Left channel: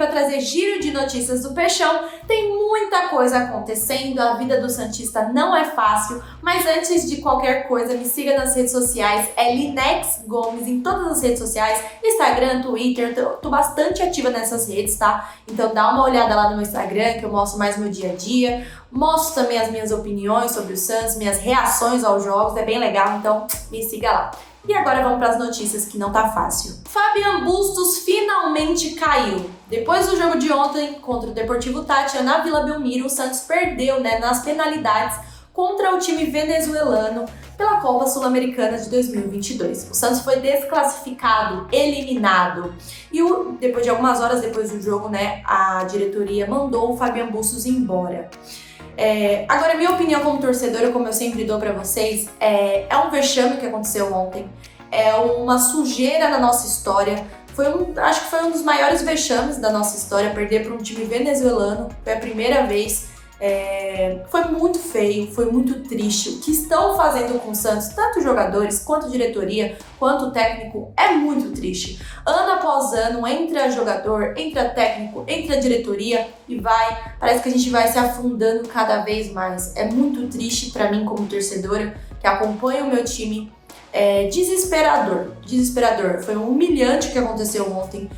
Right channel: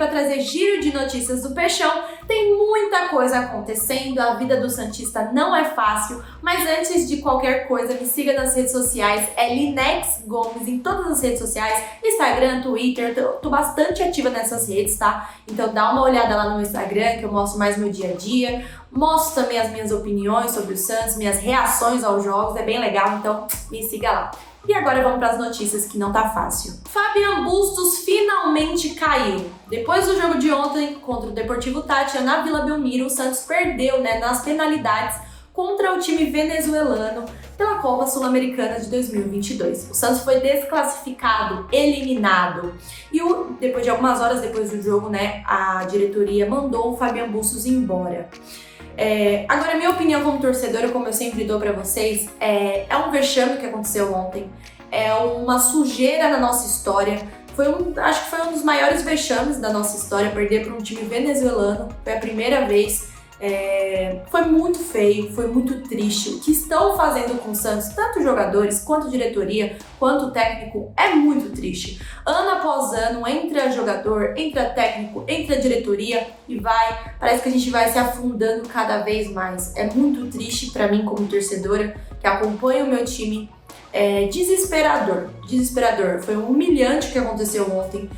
para trazer giro de notícias do Peixão. Tem muita coisa acontecendo, a vida do santista não é fácil, mas antes de qualquer coisa, me siga nas redes sociais, é Linex Gomes em todas as redes sociais, Instagram, Twitter, tô bastante ativa nessas redes, tá? Então dá uma olhada lá no meu Instagram, que eu mostro mais meu dia a dia, mostro também as minhas opiniões sobre o Santos, minhas reações aos jogos, é bem legal, então me siga lá. E agora vamos para as notícias que não tá fácil. Fabian Bustos finalmente caiu. Depois do jogo de ontem contra o Deportivo Táchira na Vila Belmiro, o Santos perdeu, nas penalidades contra o time venezuelano pela Copa Sul-Americana de 2022. O Santos foi desclassificado, eliminado. E depois de algumas horas depois do jogo, a diretoria mandou o Fabian Bustos embora. Agora, minha opinião como torcedora, como eu sempre dou pra vocês, é um vexame que aconteceu ontem, é uma sujeira na nossa história, acho que foi um dos maiores vexames da nossa história, perder para um time venezuelano, foi a primeira vez, foi muito feio, foi muito triste. O que estão fazendo com o Santos, tanto os jogadores, quanto a diretoria, quanto o técnico, é muito triste. Ano após ano, entra jogador, entra técnico, entra diretoria e parece que a gente vai se afundando cada vez mais. É muito triste pra mim como torcedora, que acompanha o meu time. É desesperador. Foi humilhante o que aconteceu ontem.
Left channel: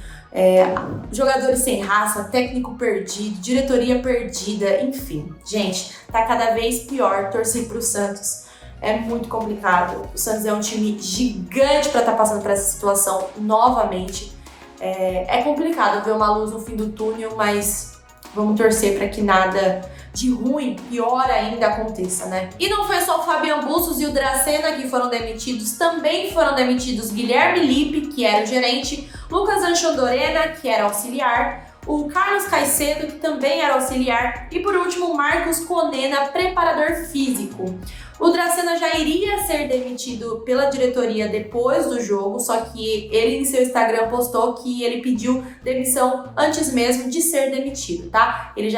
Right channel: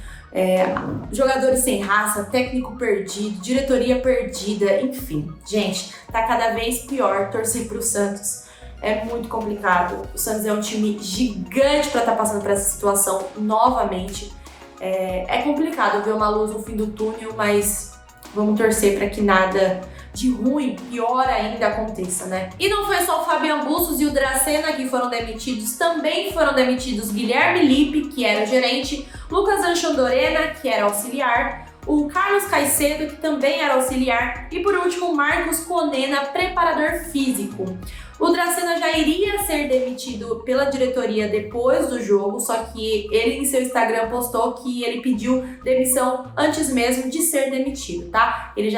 Jogadores sem raça, técnico perdido, diretoria perdida, enfim. Gente, tá cada vez pior torcer pro Santos. É muito complicado. O Santos é um time gigante para estar passando por essa situação novamente. É complicado ver uma luz no fim do túnel, mas vamos torcer para que nada de ruim, pior ainda, aconteça, E não foi só o Fabian Bustos e o Dracena que foram demitidos, também foram demitidos Guilherme Lippe, que era o gerente, Lucas Anchandorena, que era auxiliar, o Carlos Caicedo, que também era auxiliar, e por último, Marcos Conena, preparador físico. O Dracena já iria ser demitido pela diretoria depois do jogo, só que ele em seu Instagram postou que ele pediu demissão antes mesmo de ser demitido, tá? Ele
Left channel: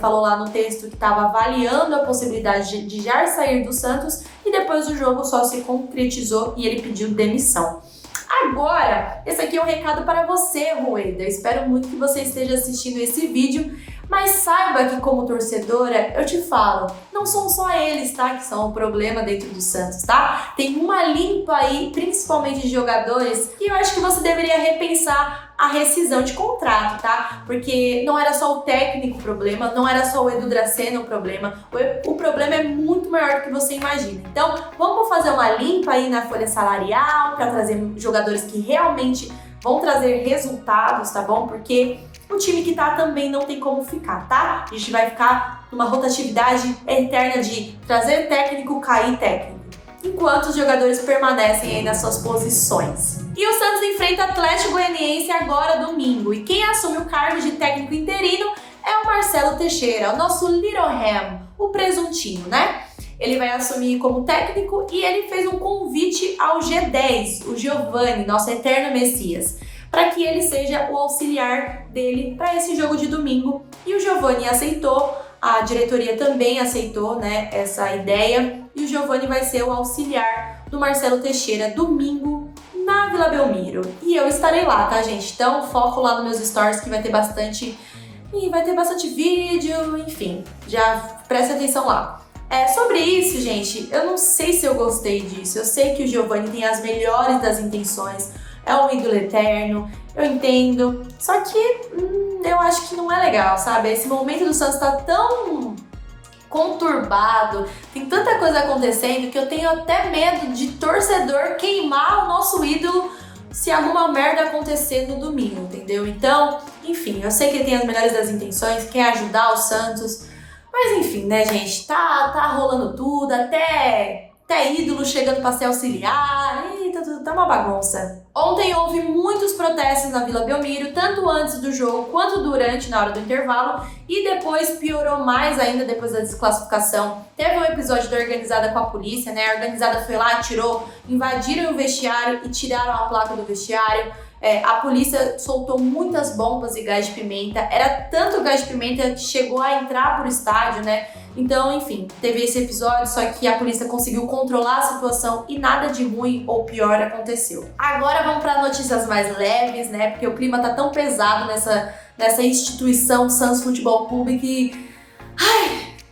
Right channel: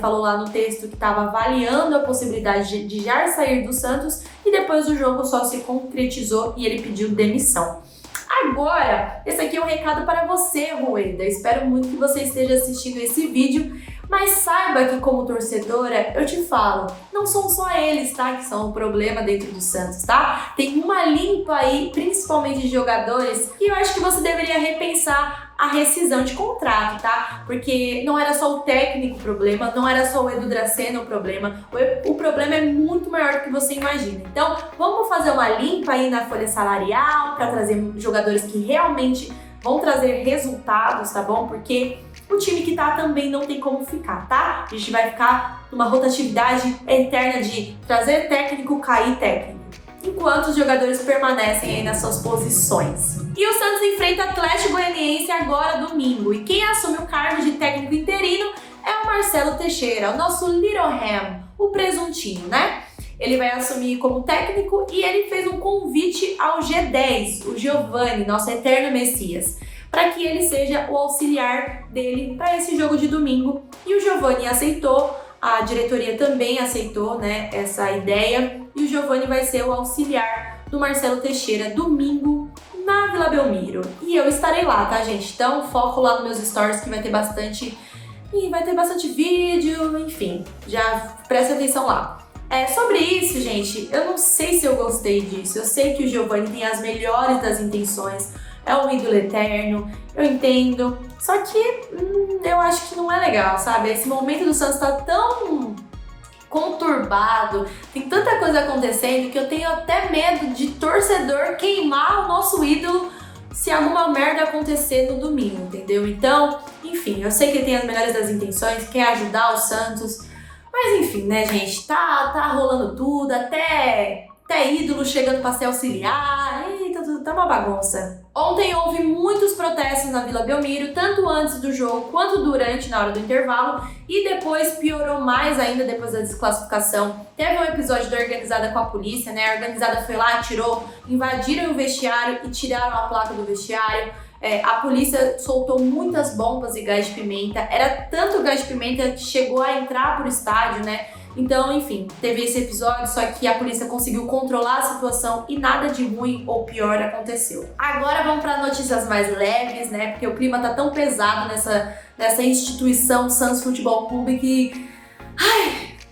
falou lá no texto que estava avaliando a possibilidade de já sair do Santos e depois do jogo só se concretizou e ele pediu demissão. Agora, esse aqui é um recado para você, Rueda. Espero muito que você esteja assistindo esse vídeo, mas saiba que como torcedora, eu te falo, não são só eles, tá, que são o problema dentro do Santos, tá? Tem uma limpa aí, principalmente de jogadores, que eu acho que você deveria repensar a rescisão de contrato, tá? Porque não era só o técnico o problema, não era só o Edu Dracena o problema é muito maior do que você imagina. Então, vamos fazer uma limpa aí na folha salarial para trazer jogadores que realmente vão trazer resultados, tá bom? Porque o time que tá também não tem como ficar, tá? A gente vai ficar numa rotatividade eterna de trazer técnico, cair técnico, enquanto os jogadores permanecem aí nas suas posições. E o Santos enfrenta o Atlético Goianiense agora domingo, e quem assume o cargo de técnico interino é o Marcelo Teixeira, o nosso Little Ham, o presuntinho, Ele vai assumir como técnico e ele fez um convite ao G10, o Giovani, nosso eterno Messias, para que ele seja o auxiliar dele para esse jogo de domingo. E o Giovani aceitou, a diretoria também aceitou, essa ideia, e o Giovani vai ser o auxiliar do Marcelo Teixeira domingo na Vila Belmiro. E eu estarei lá, tá, gente? Então foco lá nos meus stories que vai ter bastante vídeo, enfim, já presta atenção lá. Sobre isso, gente, eu não sei se eu gostei disso. Eu sei que o Giovani tem as melhores das intenções, é um ídolo eterno, eu entendo, só que eu acho que não é legal, sabe? Esse momento do Santos tá tão conturbado, tem tanta coisa acontecendo que eu tenho até medo de torcedor queimar o nosso ídolo se alguma merda acontecer no domingo, entendeu? Então, enfim, eu sei que ele tem as melhores das intenções, quer ajudar o Santos, mas enfim, gente, tá rolando tudo, até ídolo chegando pra ser auxiliar, tá uma bagunça. Ontem houve muitos protestos na Vila Belmiro, tanto antes do jogo quanto durante, na hora do intervalo, e depois piorou mais ainda depois da desclassificação. Teve um episódio da organizada com a polícia, A organizada foi lá, invadiram o vestiário e tiraram a placa do vestiário. A polícia soltou muitas bombas e gás de pimenta. Era tanto gás de pimenta que chegou a entrar pro estádio, Então, enfim, teve esse episódio, só que a polícia conseguiu controlar a situação e nada de ruim ou pior aconteceu. Agora vamos para notícias mais leves, Porque o clima tá tão pesado nessa instituição Santos Futebol Clube que...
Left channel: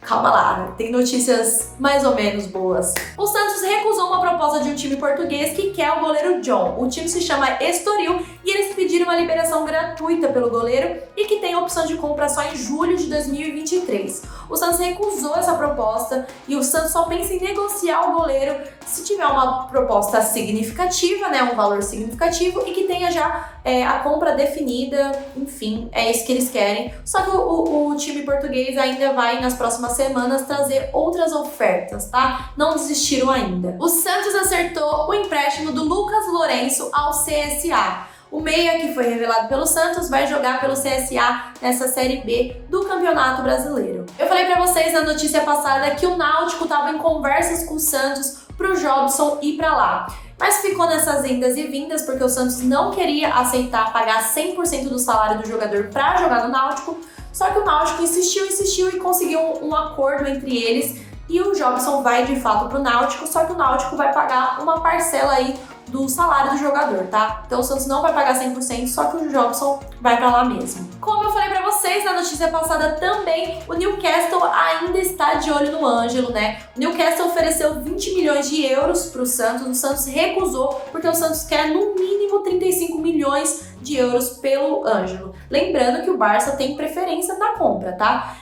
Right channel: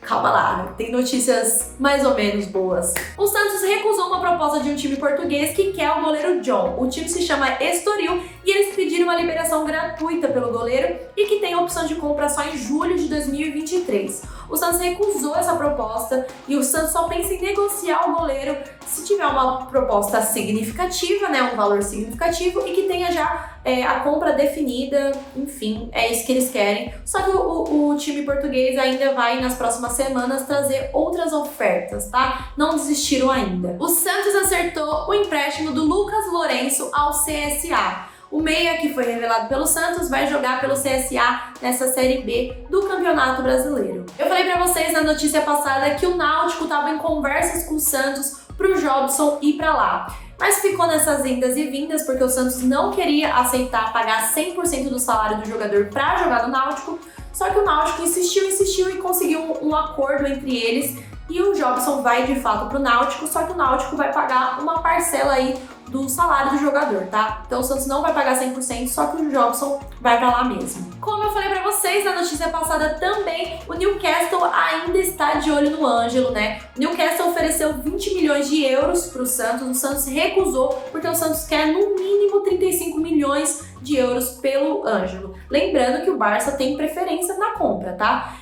Calma lá, tem notícias mais ou menos boas. O Santos recusou uma proposta de um time português que quer o goleiro John. O time se chama Estoril e eles pediram uma liberação gratuita pelo goleiro e que tem a opção de compra só em julho de 2023. O Santos recusou essa proposta e o Santos só pensa em negociar o goleiro se tiver uma proposta significativa, né, um valor significativo e que tenha já a compra definida, enfim, é isso que eles querem. Só que o time português ainda vai, nas próximas semanas, trazer outras ofertas, tá? Não desistiram ainda. O Santos acertou o empréstimo do Lucas Lourenço ao CSA. O meia, que foi revelado pelo Santos, vai jogar pelo CSA nessa Série B do Campeonato Brasileiro. Eu falei pra vocês na notícia passada que o Náutico estava em conversas com o Santos pro Jobson ir pra lá. Mas ficou nessas indas e vindas porque o Santos não queria aceitar pagar 100% do salário do jogador para jogar no Náutico, só que o Náutico insistiu e conseguiu um acordo entre eles e o Jobson vai de fato pro Náutico, só que o Náutico vai pagar uma parcela aí do salário do jogador, tá? Então o Santos não vai pagar 100%, só que o Jobson vai pra lá mesmo. Como eu falei pra vocês na notícia passada também, o Newcastle ainda está de olho no Ângelo, né? O Newcastle ofereceu 20 milhões de euros pro Santos, o Santos recusou, porque o Santos quer no mínimo 35 milhões de euros pelo Ângelo. Lembrando que o Barça tem preferência na compra, tá?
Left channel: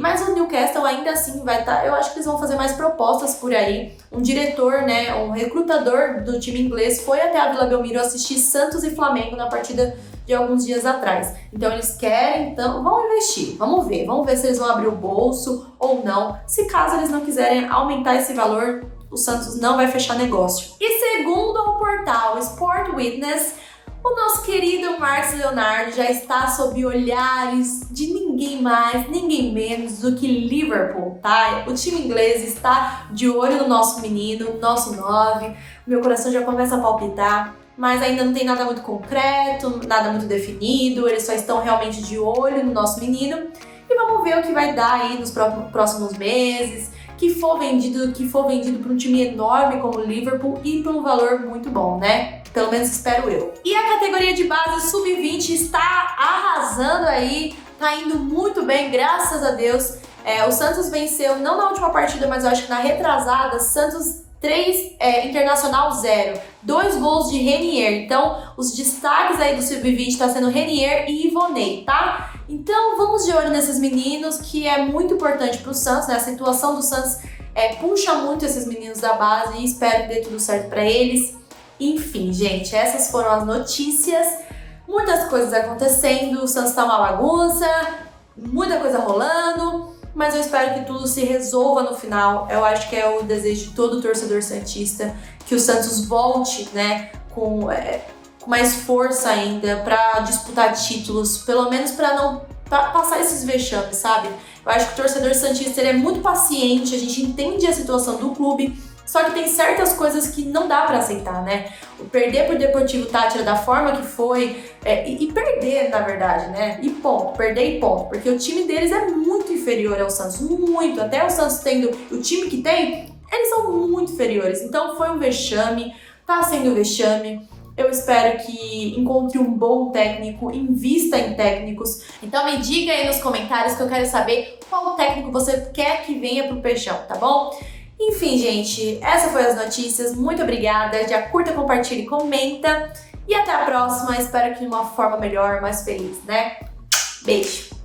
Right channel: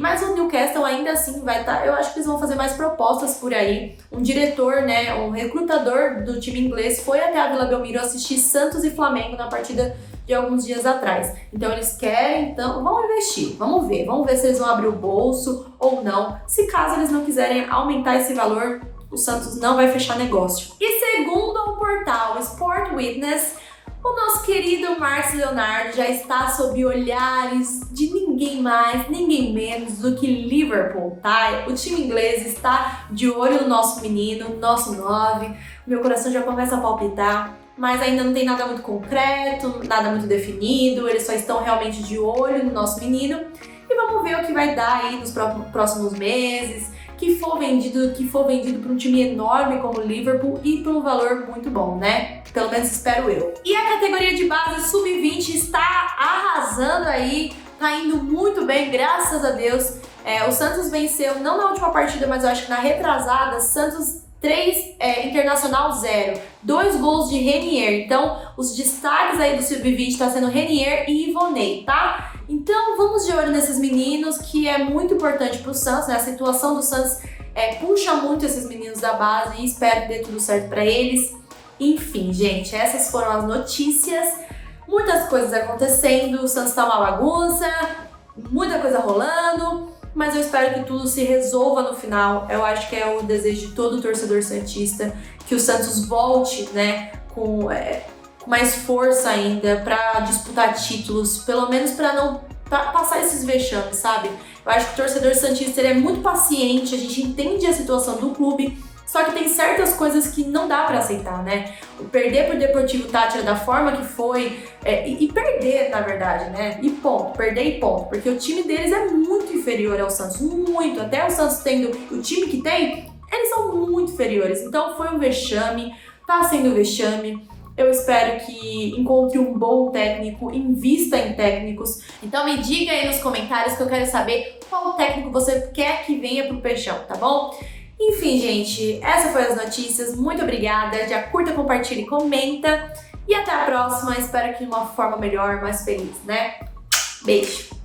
Mas o Newcastle ainda assim vai estar... Eu acho que eles vão fazer mais propostas por aí. Um diretor, né, um recrutador do time inglês foi até a Vila Belmiro assistir Santos e Flamengo na partida de alguns dias atrás. Então eles querem, então vão investir, vamos ver se eles vão abrir o bolso ou não. Se caso eles não quiserem aumentar esse valor, o Santos não vai fechar negócio. E segundo o portal Sport Witness, o nosso querido Marcos Leonardo já está sob olhares de ninguém mais, ninguém menos do que Liverpool, tá? O time inglês está de olho no nosso menino, nosso 9. Meu coração já começa a palpitar, mas ainda não tem nada muito concreto, nada muito definido. Eles só estão realmente de olho no nosso menino. E vamos ver o que vai dar aí nos próximos meses. Que for vendido para um time enorme como o Liverpool e por um valor muito bom, né? Pelo menos espero eu. E a categoria de base sub-20 está arrasando aí, tá indo muito bem, graças a Deus. O Santos venceu, não na última partida, mas eu acho que na retrasada, Santos 3, Internacional 0. 2 gols de Renier. Então, os destaques aí do sub-20 tá sendo Renier e Ivonei, tá? Então, vamos de olho nesses meninos, que é muito importante pro Santos, né? A situação do Santos puxa muito esses meninos da base e espero que dê tudo certo pra eles. Enfim, gente, essas foram as notícias. Muitas coisas acontecendo, o Santos tá uma bagunça, muita coisa rolando, mas eu espero que tudo se resolva no final. Eu acho que é o desejo de todo torcedor santista, que o Santos volte, né, com mais força ainda para disputar títulos, pelo menos para não passar esses vexames, sabe? Eu acho que o torcedor santista ele é muito paciente, a gente entende a situação do clube, só que tem certas coisas que não dá pra aceitar, né? Perder pro Deportivo Táchira da forma que foi, e perder, na verdade, né? E ponto, perder e ponto. Porque o time deles é muito inferior ao Santos, muito. Até o Santos tendo o time que tem, eles são muito inferiores. Então foi um vexame, tá sendo um vexame. Eu espero que encontre um bom técnico, invista em técnicos. Então me diga aí nos comentários que eu quero saber qual técnico você quer que venha pro Peixão, tá bom? Enfim, gente, essas foram as notícias. Muito obrigada. Já curta, compartilha e comenta. E até a próxima. Espero que de uma forma melhor, mais feliz, né? Beijo!